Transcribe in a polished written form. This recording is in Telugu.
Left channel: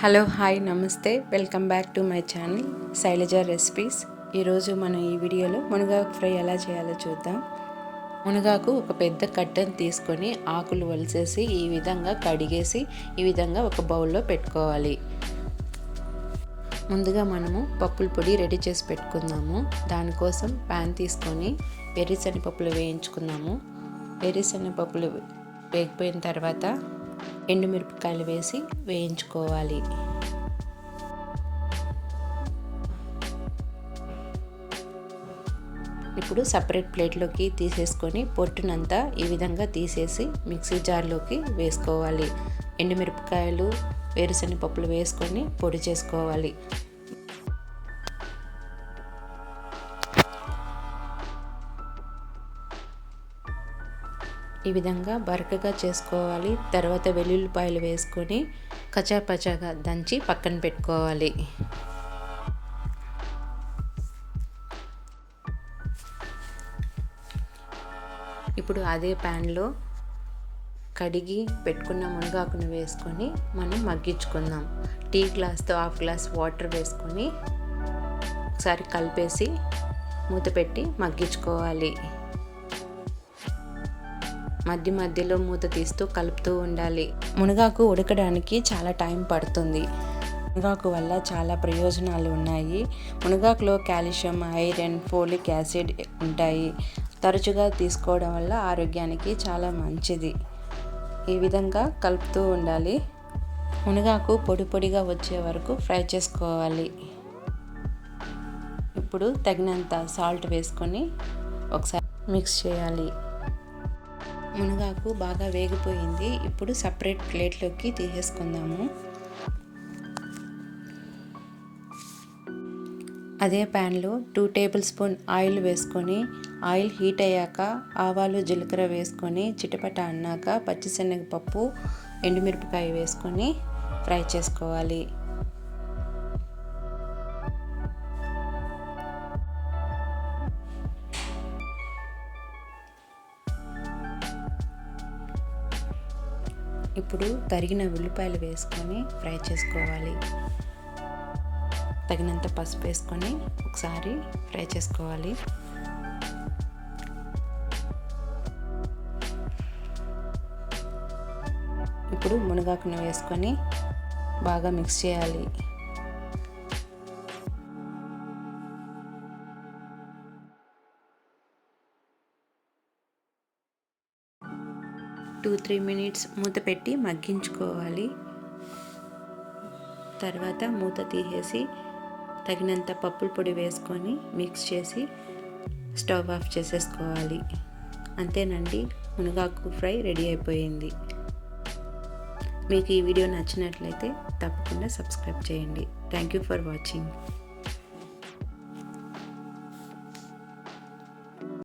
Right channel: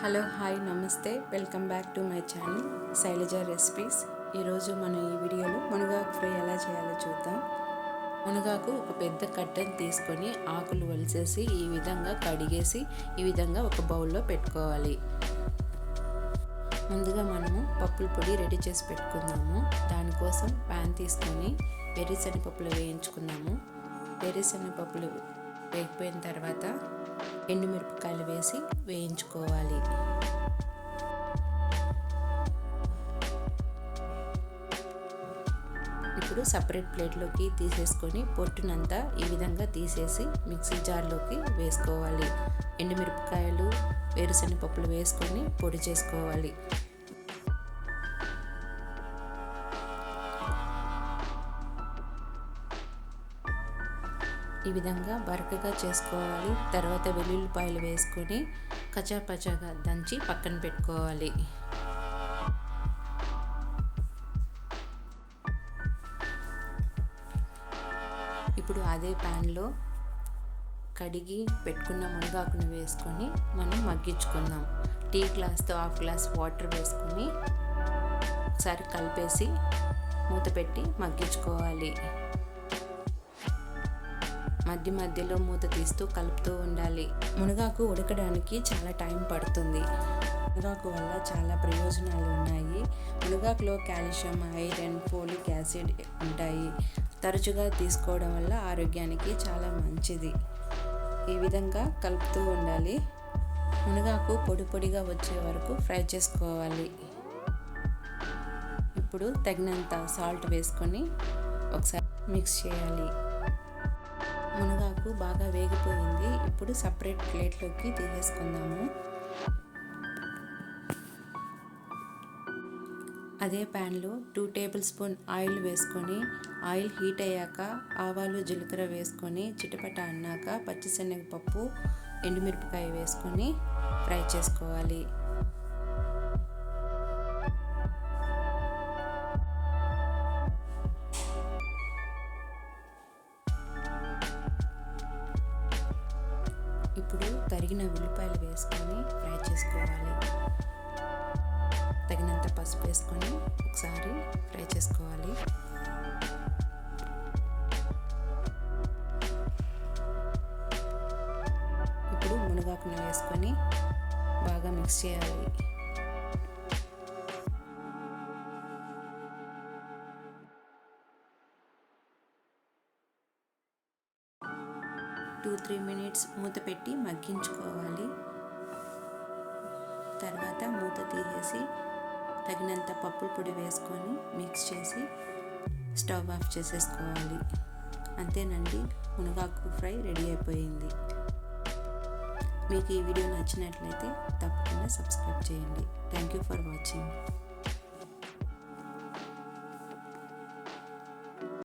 హలో హాయ్ నమస్తే, welcome back to my channel Shailaja recipes. ఈరోజు మనం ఈ వీడియోలో మునగాకు ఫ్రై ఎలా చేయాలో చూద్దాం. మునగాకు ఒక పెద్ద కట్టను తీసుకొని ఆకులు వలిసేసి ఈ విధంగా కడిగేసి ఈ విధంగా ఒక బౌల్లో పెట్టుకోవాలి. ముందుగా మనము పప్పుల పొడి రెడీ చేసి పెట్టుకుందాము. దానికోసం ప్యాన్ తీసుకొని వేరుశనగపప్పులు వేయించుకుందాము. వేరుశనగపప్పులు వేగిపోయిన తర్వాత ఎండుమిరపకాయలు వేసి వేయించుకోవాలి. ఇప్పుడు సపరేట్ ప్లేట్లోకి తీసేసుకొని పొట్టునంతా ఈ విధంగా తీసేసి మిక్సీ జార్లోకి వేసుకోవాలి. ఎండుమిరపకాయలు వేరుశనగపప్పులు వేసుకొని పొడి చేసుకోవాలి. ఈ విధంగా బరకగా చేసుకోవాలి. తర్వాత వెల్లుల్లిపాయలు వేసుకొని కచాపచాగా దంచి పక్కన పెట్టుకోవాలి. ఇప్పుడు అదే ప్యాన్లో కడిగి పెట్టుకున్న మునగాకును వేసుకొని మనం మగ్గించుకుందాం. టీ గ్లాస్తో హాఫ్ గ్లాస్ వాటర్ వేసుకొని ఒకసారి కలిపేసి మూత పెట్టి మగ్గించుకోవాలి. మధ్య మధ్యలో మూత తీస్తూ కలుపుతూ ఉండాలి. మునగాకు ఉడకడానికి చాలా టైం పడుతుంది. మునగాకు వల్ల చాలా ప్రయోజనాలు ఉన్నాయి. మునగాకులో కాల్షియం, ఐరన్, ఫోలిక్ యాసిడ్ ఉంటాయి. తరచుగా తీసుకోవడం వల్ల ఆరోగ్యానికి చాలా మంచిది. ఈ విధంగా కలుపుతూ ఉండాలి. మునగాకు పొడి పొడిగా వచ్చే వరకు ఫ్రై చేసుకోవాలి. ఇప్పుడు తగినంత సాల్ట్ వేసుకొని ఒకసారి మిక్స్ చేయాలి. మునగాకు బాగా వేగిపోయింది. ఇప్పుడు సపరేట్ ప్లేట్లోకి తీసేసుకుందాము. అదే ప్యాన్లో 2 టేబుల్ స్పూన్ ఆయిల్ వేసుకొని ఆయిల్ హీట్ అయ్యాక ఆవాలు, జీలకర్ర వేసుకొని చిటపట అన్నాక పచ్చిశనగపప్పు, ఎండుమిరపకాయ వేసుకొని ఫ్రై చేసుకోవాలి. ఇప్పుడు తరిగిన ఉల్లిపాయలు వేసుకొని ఫ్రై చేసుకోవాలి. తగినంత పసుపు వేసుకొని ఒకసారి ఫ్రై చేసుకోవాలి. ఇప్పుడు మునగాకును వేసుకొని బాగా మిక్స్ చేయాలి. 2-3 మినిట్స్ మూత పెట్టి మగ్గించుకోవాలి. తర్వాత మూత తీసేసి తగినంత పప్పుల పొడి వేసుకొని మిక్స్ చేసి స్టవ్ ఆఫ్ చేసేసుకోవాలి. అంతేనండి, మునగాకు ఫ్రై రెడీ అయిపోయింది. మీకు ఈ వీడియో నచ్చినట్లయితే తప్పకుండా సబ్స్క్రైబ్ చేయండి. Thank you for watching.